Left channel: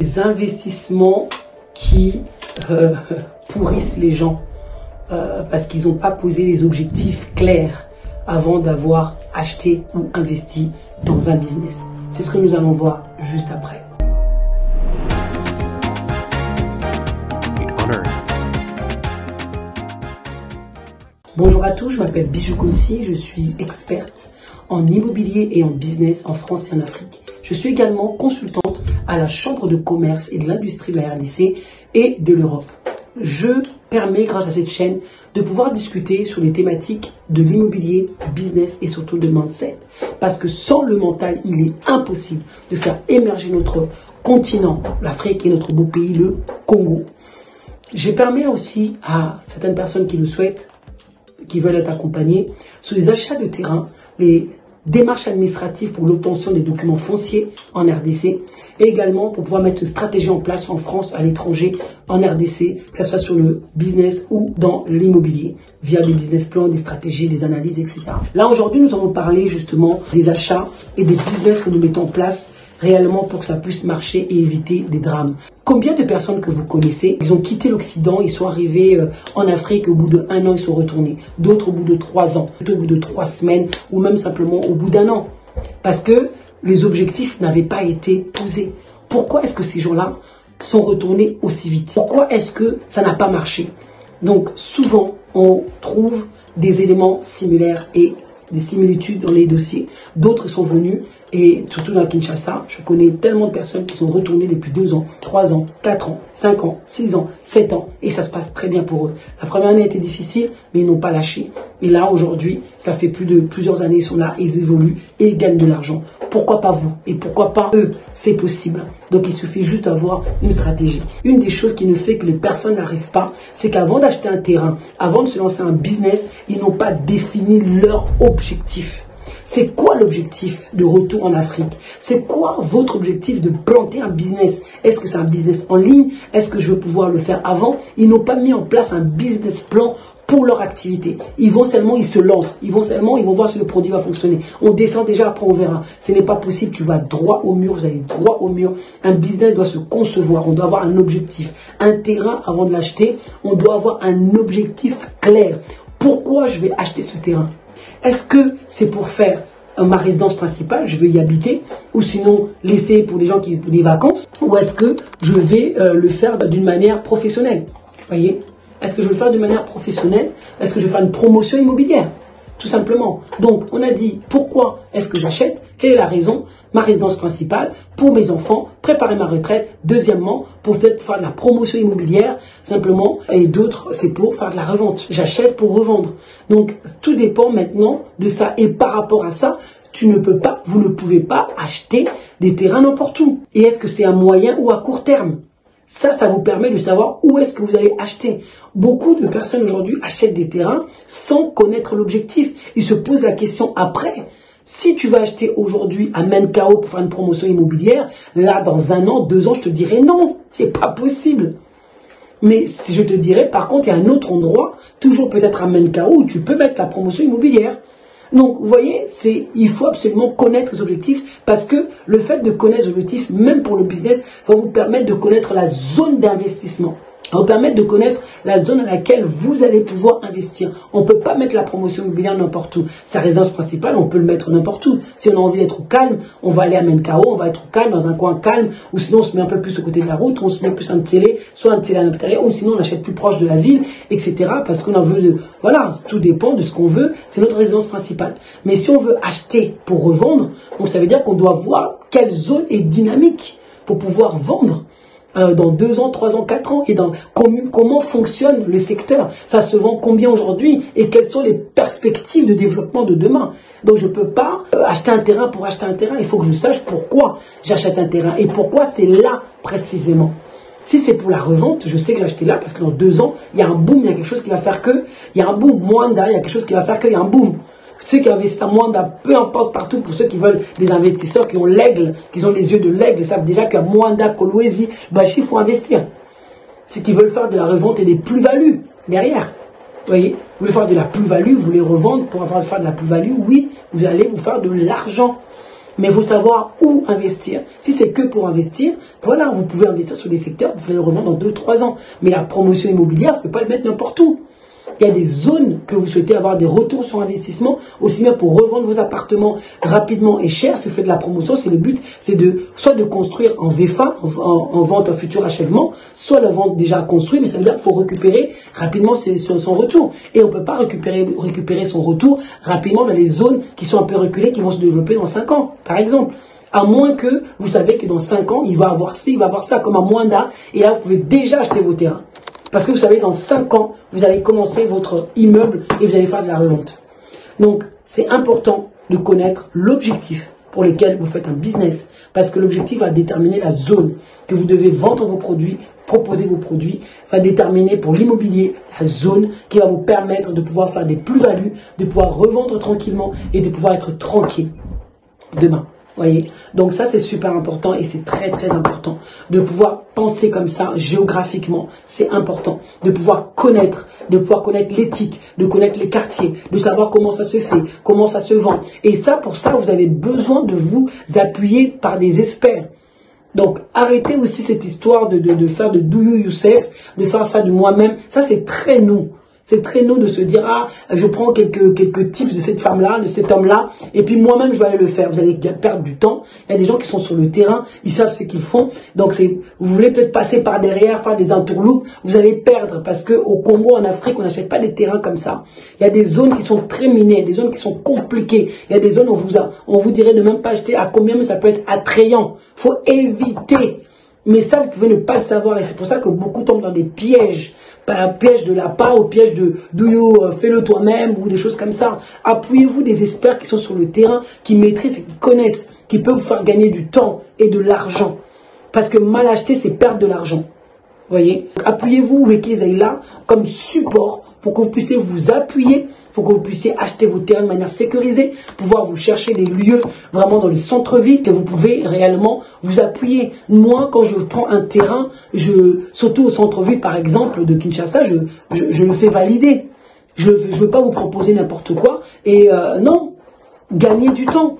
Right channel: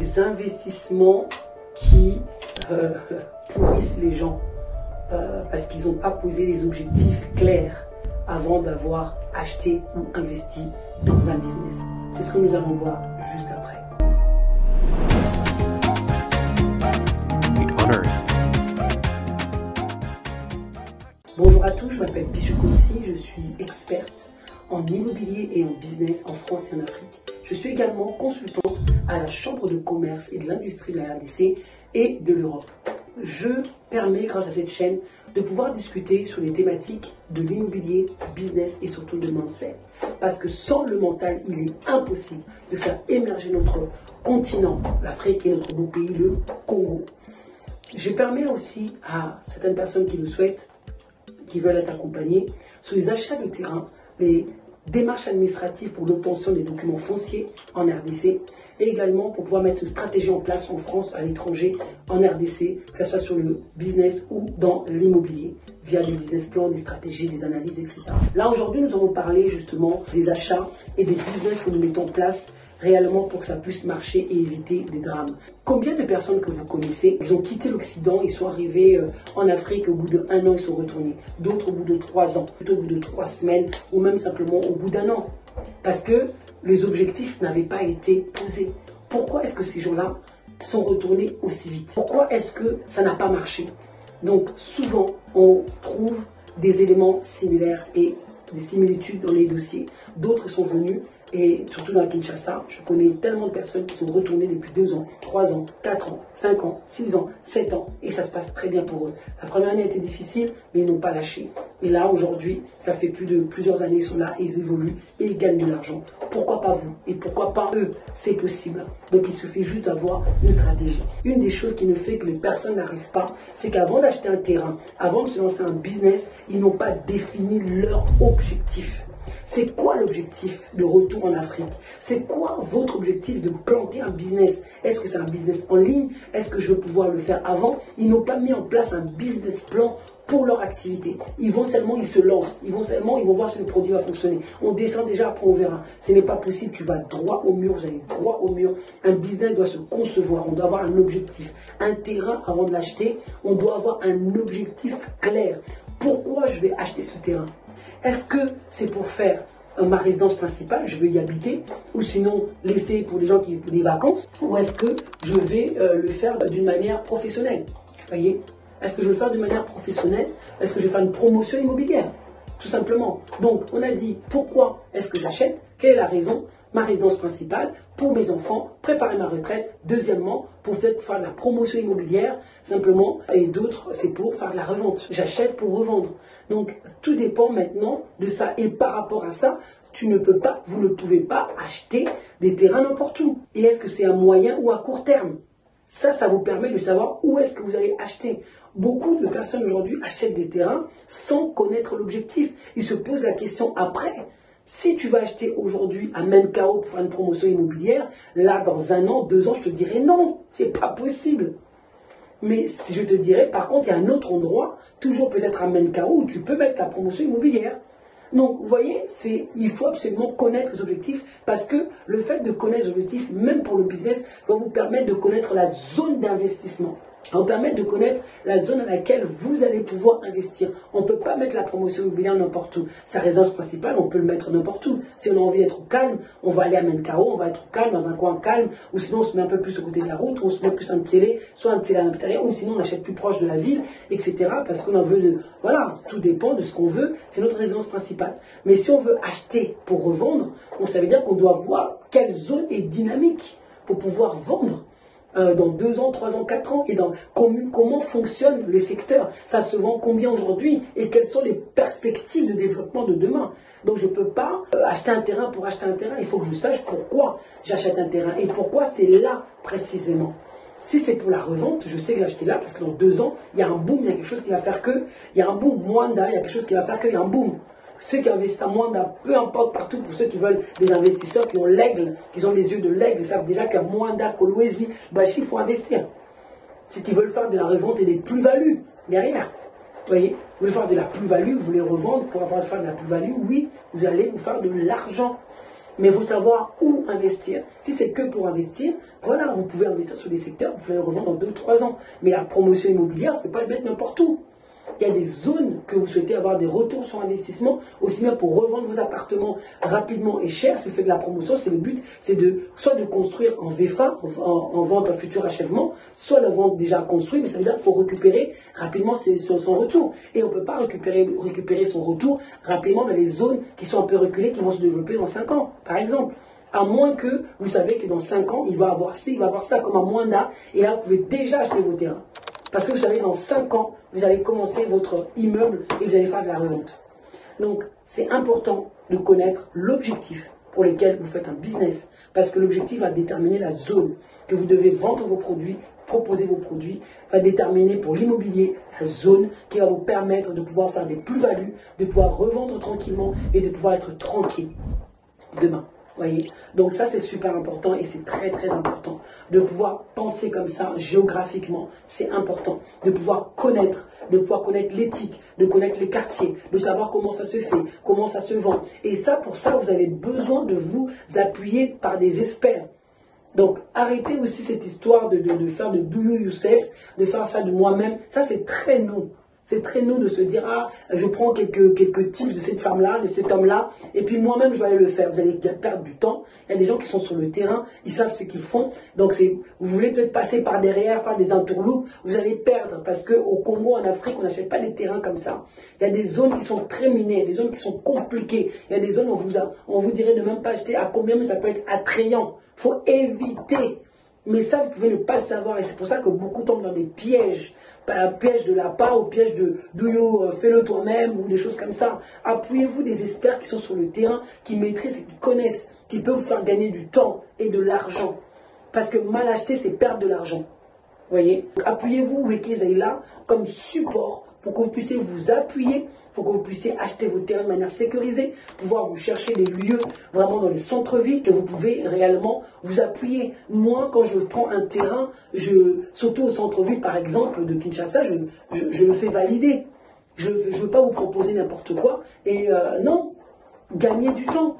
des investissements qui pourrissent les gens parce qu'ils n'ont pas posé les objectifs clairs avant d'avoir acheté ou investi dans un business. C'est ce que nous allons voir juste après. Bonjour à tous, je m'appelle Bijou Kounsi, je suis experte en immobilier et en business en France et en Afrique. Je suis également consultante à la Chambre de commerce et de l'industrie de la RDC et de l'Europe. Je permets, grâce à cette chaîne, de pouvoir discuter sur les thématiques de l'immobilier, du business et surtout de mindset. Parce que sans le mental, il est impossible de faire émerger notre continent, l'Afrique et notre beau pays, le Congo. Je permets aussi à certaines personnes qui le souhaitent, qui veulent être accompagnés sur les achats de terrain, les démarches administratives pour l'obtention des documents fonciers en RDC et également pour pouvoir mettre une stratégie en place en France, à l'étranger, en RDC, que ce soit sur le business ou dans l'immobilier, via des business plans, des stratégies, des analyses, etc. Là, aujourd'hui, nous allons parler justement des achats et des business que nous mettons en place réellement pour que ça puisse marcher et éviter des drames. Combien de personnes que vous connaissez, ils ont quitté l'Occident, ils sont arrivés en Afrique, au bout d'1 an, ils sont retournés. D'autres au bout de 3 ans, d'autres au bout de 3 semaines, ou même simplement au bout d'1 an. Parce que les objectifs n'avaient pas été posés. Pourquoi est-ce que ces gens-là sont retournés aussi vite? Pourquoi est-ce que ça n'a pas marché? Donc souvent, on trouve des éléments similaires et des similitudes dans les dossiers. D'autres sont venus, et surtout dans Kinshasa, je connais tellement de personnes qui sont retournées depuis 2 ans, 3 ans, 4 ans, 5 ans, 6 ans, 7 ans, et ça se passe très bien pour eux. La première année a été difficile, mais ils n'ont pas lâché. Et là, aujourd'hui, ça fait plusieurs années, ils sont là, ils évoluent, et ils gagnent de l'argent. Pourquoi pas vous? Et pourquoi pas eux? C'est possible. Donc, il suffit juste d'avoir une stratégie. Une des choses qui nous fait que les personnes n'arrivent pas, c'est qu'avant d'acheter un terrain, avant de se lancer un business, ils n'ont pas défini leur objectif. C'est quoi l'objectif de retour en Afrique? C'est quoi votre objectif de planter un business? Est-ce que c'est un business en ligne? Est-ce que je veux pouvoir le faire avant? Ils n'ont pas mis en place un business plan pour leur activité. Ils se lancent. Ils vont voir si le produit va fonctionner. On descend déjà, après on verra. Ce n'est pas possible, tu vas droit au mur, vous allez droit au mur. Un business doit se concevoir, on doit avoir un objectif. Un terrain, avant de l'acheter, on doit avoir un objectif clair. Pourquoi je vais acheter ce terrain? Est-ce que c'est pour faire ma résidence principale, je vais y habiter, ou sinon laisser pour les gens qui ont des vacances, ou est-ce que je vais le faire d'une manière professionnelle? Voyez? Est-ce que je vais le faire d'une manière professionnelle? Est-ce que je vais faire une promotion immobilière? Tout simplement. Donc, on a dit, pourquoi est-ce que j'achète? Quelle est la raison? Ma résidence principale, pour mes enfants, préparer ma retraite. Deuxièmement, pour peut-être faire de la promotion immobilière, simplement. Et d'autres, c'est pour faire de la revente. J'achète pour revendre. Donc, tout dépend maintenant de ça. Et par rapport à ça, vous ne pouvez pas acheter des terrains n'importe où. Et est-ce que c'est à moyen ou à court terme? Ça vous permet de savoir où est-ce que vous allez acheter. Beaucoup de personnes aujourd'hui achètent des terrains sans connaître l'objectif. Ils se posent la question après. Si tu vas acheter aujourd'hui à Menkao pour faire une promotion immobilière, là, dans 1 an, 2 ans, je te dirais non, c'est pas possible. Mais si je te dirais, par contre, il y a un autre endroit, toujours peut-être à Menkao, où tu peux mettre la promotion immobilière. Donc, vous voyez, il faut absolument connaître les objectifs parce que le fait de connaître les objectifs, même pour le business, va vous permettre de connaître la zone d'investissement. Ça va vous permettre de connaître la zone dans laquelle vous allez pouvoir investir. On ne peut pas mettre la promotion immobilière n'importe où. Sa résidence principale, on peut le mettre n'importe où. Si on a envie d'être au calme, on va aller à Menkao, on va être au calme, dans un coin calme, ou sinon on se met un peu plus au côté de la route, ou on se met plus un télé, soit un télé à l'intérieur, ou sinon on achète plus proche de la ville, etc. Parce qu'on en veut voilà, tout dépend de ce qu'on veut, c'est notre résidence principale. Mais si on veut acheter pour revendre, donc ça veut dire qu'on doit voir quelle zone est dynamique pour pouvoir vendre. Dans 2 ans, 3 ans, 4 ans, et dans comment fonctionne le secteur. Ça se vend combien aujourd'hui et quelles sont les perspectives de développement de demain. Donc je ne peux pas acheter un terrain pour acheter un terrain. Il faut que je sache pourquoi j'achète un terrain et pourquoi c'est là précisément. Si c'est pour la revente, je sais que j'ai acheté là parce que dans 2 ans, il y a un boom, il y a quelque chose qui va faire que, il y a un boom, Mwanda, il y a quelque chose qui va faire qu'il y a un boom. Ceux qui investissent à Mwanda, peu importe partout, pour ceux qui veulent des investisseurs qui ont l'aigle, qui ont les yeux de l'aigle, ils savent déjà qu'à Mwanda, Kolwezi, Bachi, il faut investir. Ceux qui veulent faire de la revente et des plus-values derrière. Vous voyez, vous voulez faire de la plus-value, vous voulez revendre pour faire de la plus-value, oui, vous allez vous faire de l'argent. Mais il faut savoir où investir. Si c'est que pour investir, voilà, vous pouvez investir sur des secteurs, vous pouvez les revendre dans 2-3 ans. Mais la promotion immobilière, vous ne pouvez pas le mettre n'importe où. Il y a des zones que vous souhaitez avoir des retours sur investissement, aussi bien pour revendre vos appartements rapidement et cher, si vous faites de la promotion, c'est le but, c'est soit de construire en VFA, en vente en futur achèvement, soit la vente déjà construite, mais ça veut dire qu'il faut récupérer rapidement son retour. Et on ne peut pas récupérer son retour rapidement dans les zones qui sont un peu reculées, qui vont se développer dans 5 ans, par exemple. À moins que vous savez que dans 5 ans, il va avoir ci, il va avoir ça, comme à Moanda, et là, vous pouvez déjà acheter vos terrains. Parce que vous savez, dans 5 ans, vous allez commencer votre immeuble et vous allez faire de la revente. Donc, c'est important de connaître l'objectif pour lequel vous faites un business. Parce que l'objectif va déterminer la zone que vous devez vendre vos produits, proposer vos produits, va déterminer pour l'immobilier la zone qui va vous permettre de pouvoir faire des plus-values, de pouvoir revendre tranquillement et de pouvoir être tranquille demain. Voyez, donc ça c'est super important et c'est très très important de pouvoir penser comme ça géographiquement, c'est important de pouvoir connaître l'éthique, de connaître les quartiers, de savoir comment ça se fait, comment ça se vend. Et ça, pour ça, vous avez besoin de vous appuyer par des experts. Donc arrêtez aussi cette histoire de faire de do you yourself, de faire ça de moi-même. Ça c'est très nous. C'est très nous de se dire, ah, je prends quelques tips de cette femme-là, de cet homme-là, et puis moi-même, je vais aller le faire. Vous allez perdre du temps. Il y a des gens qui sont sur le terrain, ils savent ce qu'ils font. Donc, vous voulez peut-être passer par derrière, faire des entourloupes, vous allez perdre. Parce qu'au Congo, en Afrique, on n'achète pas des terrains comme ça. Il y a des zones qui sont très minées, des zones qui sont compliquées. Il y a des zones où on vous dirait de même pas acheter à combien, mais ça peut être attrayant. Il faut éviter. Mais ça, vous pouvez ne pas le savoir. Et c'est pour ça que beaucoup tombent dans des pièges. Pas un piège de la part, au piège de fais-le toi-même ou des choses comme ça. Appuyez-vous des experts qui sont sur le terrain, qui maîtrisent et qui connaissent, qui peuvent vous faire gagner du temps et de l'argent. Parce que mal acheter, c'est perdre de l'argent. Voyez? Appuyez-vous avec là comme support pour que vous puissiez vous appuyer, pour que vous puissiez acheter vos terrains de manière sécurisée, pouvoir vous chercher des lieux vraiment dans les centres-villes que vous pouvez réellement vous appuyer. Moi, quand je prends un terrain, surtout au centre-ville par exemple de Kinshasa, je le fais valider. Je ne veux pas vous proposer n'importe quoi et non. Gagnez du temps,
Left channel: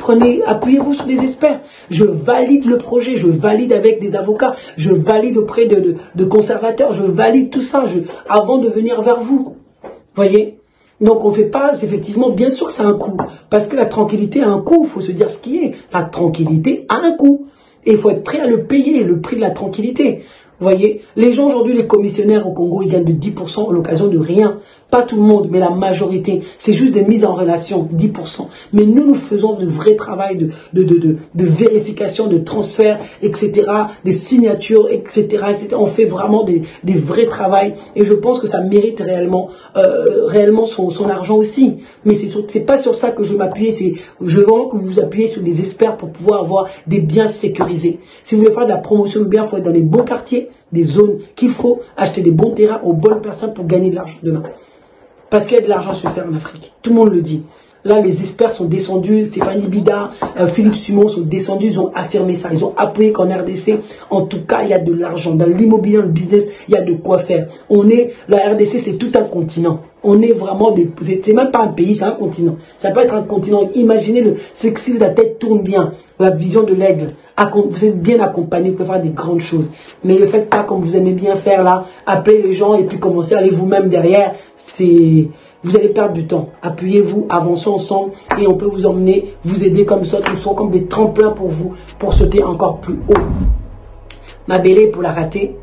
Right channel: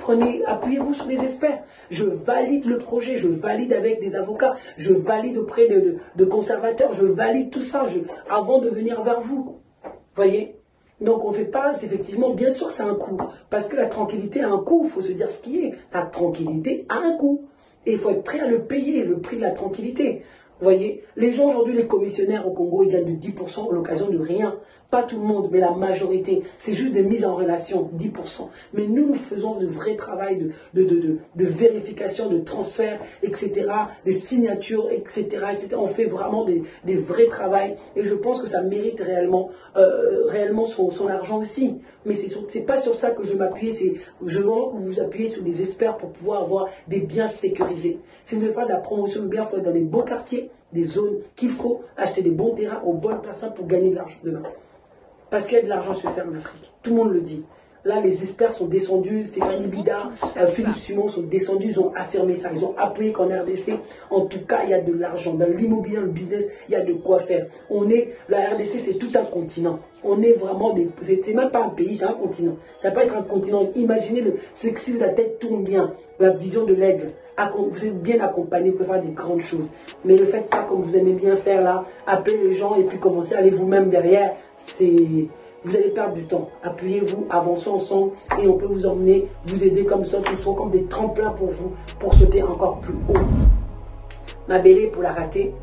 appuyez-vous sur des experts. Je valide le projet, je valide avec des avocats, je valide auprès de conservateurs, je valide tout ça avant de venir vers vous. Voyez? Donc on ne fait pas, effectivement, bien sûr que ça a un coût. Parce que la tranquillité a un coût, il faut se dire ce qui est. La tranquillité a un coût. Et il faut être prêt à le payer, le prix de la tranquillité. Vous voyez, les gens aujourd'hui, les commissionnaires au Congo, ils gagnent de 10% à l'occasion de rien. Pas tout le monde, mais la majorité. C'est juste des mises en relation, 10%. Mais nous faisons de vrais travail de vérification, de transfert, etc., des signatures, etc., etc. On fait vraiment des vrais travails. Et je pense que ça mérite réellement son argent aussi. Mais c'est pas sur ça que je m'appuie. Je veux vraiment que vous vous appuyez sur des experts pour pouvoir avoir des biens sécurisés. Si vous voulez faire de la promotion de biens, il faut être dans les bons quartiers, des zones qu'il faut, acheter des bons terrains aux bonnes personnes pour gagner de l'argent demain. Parce qu'il y a de l'argent à se faire en Afrique. Tout le monde le dit. Là, les experts sont descendus. Stéphanie Bida, Philippe Simon sont descendus. Ils ont affirmé ça. Ils ont appuyé qu'en RDC, en tout cas, il y a de l'argent. Dans l'immobilier, dans le business, il y a de quoi faire. La RDC, c'est tout un continent. On est vraiment c'est même pas un pays, c'est un continent. Ça peut être un continent. Imaginez c'est que si la tête tourne bien, la vision de l'aigle, vous êtes bien accompagné, vous pouvez faire des grandes choses. Mais ne faites pas comme vous aimez bien faire là, appelez les gens et puis commencez à aller vous-même derrière. Vous allez perdre du temps. Appuyez-vous, avançons ensemble et on peut vous emmener, vous aider comme ça. Nous serons comme des tremplins pour vous, pour sauter encore plus haut. Ma belle, pour la rater,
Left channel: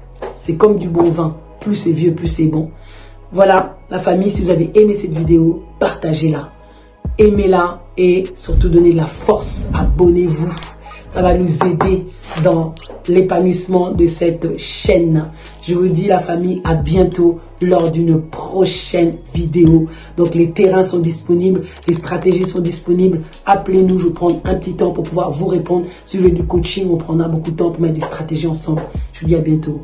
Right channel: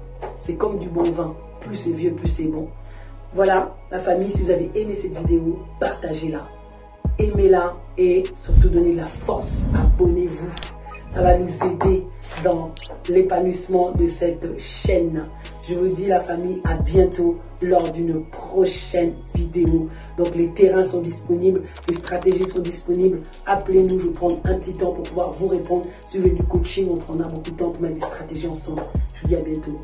c'est comme du bon vin. Plus c'est vieux, plus c'est bon. Voilà, la famille, si vous avez aimé cette vidéo, partagez-la. Aimez-la et surtout donnez de la force. Abonnez-vous. Ça va nous aider dans l'épanouissement de cette chaîne. Je vous dis la famille, à bientôt lors d'une prochaine vidéo. Donc les terrains sont disponibles, les stratégies sont disponibles. Appelez-nous, je prends un petit temps pour pouvoir vous répondre. Si vous voulez du coaching, on prendra beaucoup de temps pour mettre des stratégies ensemble. Je vous dis à bientôt.